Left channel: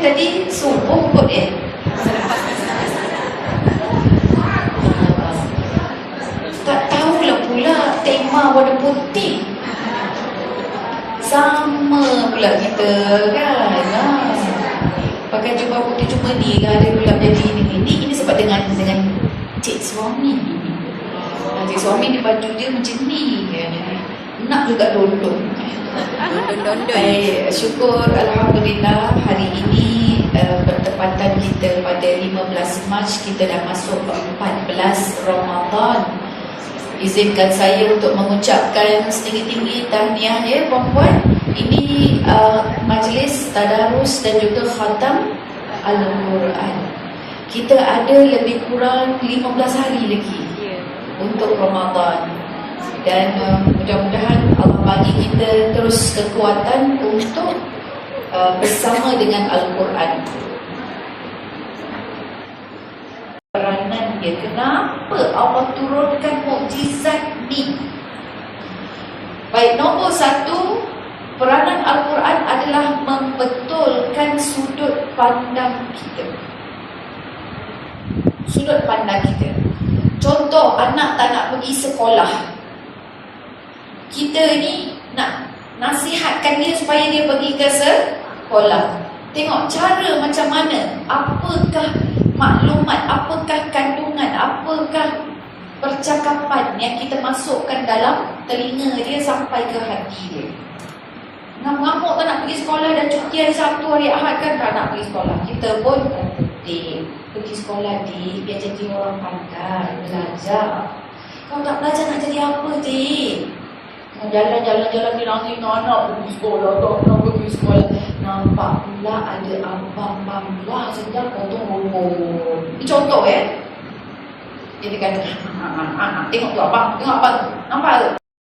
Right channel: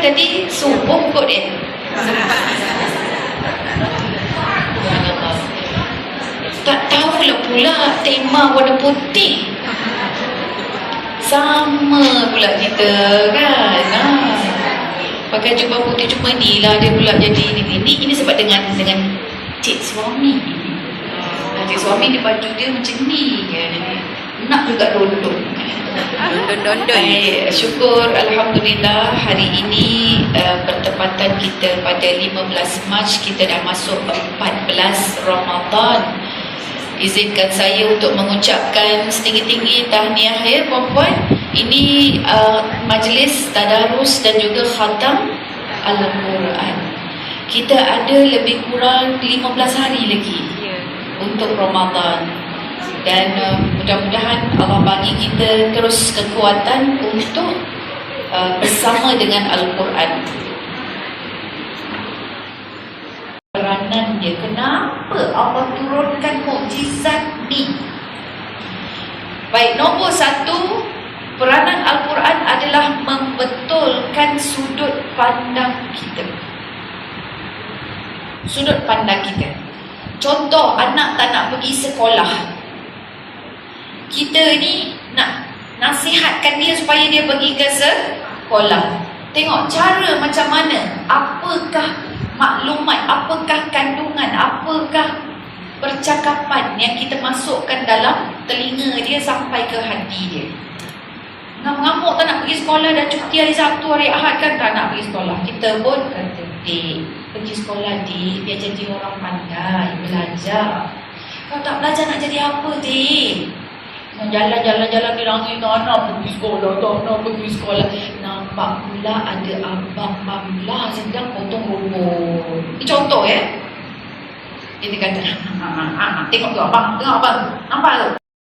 jadi subuh kot eh. Tak tahulah pula tema warna putih. Sama pula kita kan. Ha. Pakai jubah putih cuma ni lah dia pula jadi ni ni. Ni ini sebab dengan dengan cik suami. Cik suami dia baju dia macam ni. Nak juga dondong. Dondon-dondon. Baik, syukur Alhamdulillah hari ini uh, bertepatan kita pada 15 Mac kita dah masuk 14 Ramadan Izinkan saya untuk mengucapkan setinggi-tinggi tahniah ya puan-puan Ini uh, majlis tadarus dan juga khatam Al-Quran Kita ada lebih kurang 15 hari lagi Ya. untuk Ramadan dan uh, mudah-mudahan Allah bagi kita terus kekuatan untuk uh, bersama dengan Al-Quran. Peranan dia kenapa Allah turunkan mukjizat ni? Baik, nombor satu Peranan Al-Quran adalah membetulkan sudut pandang kita. Sudut pandang kita. Contoh, anak tak nak pergi sekolah. Kita ni nak nasihatkan dia supaya dia pergi ke sekolah. Tengok cara macam mana, apakah maklumat, apakah kandungan, apakah percakapan yang kita masukkan dalam telinga dia sampai ke hati dia. Ngamuk-ngamuk tak nak pergi sekolah dan cuti hari Sabtu, hari Ahad kan tak nak pergi sekolah. Kita pun kata, Dik, pergi sekolah Dik, biar jadi orang pandai, belajar. Kau tak belajar nak jadi apa Dik? Jalan-jalan-jalan di langit tak nak pergi sekolah, tak nak pergi sekolah. Nampak pula ada abang Mamla sedang potong rumput. Ini contoh ya. Dia kata, "Ah, ah, ah, tengok tu abang, tengok abang. Nampak tu?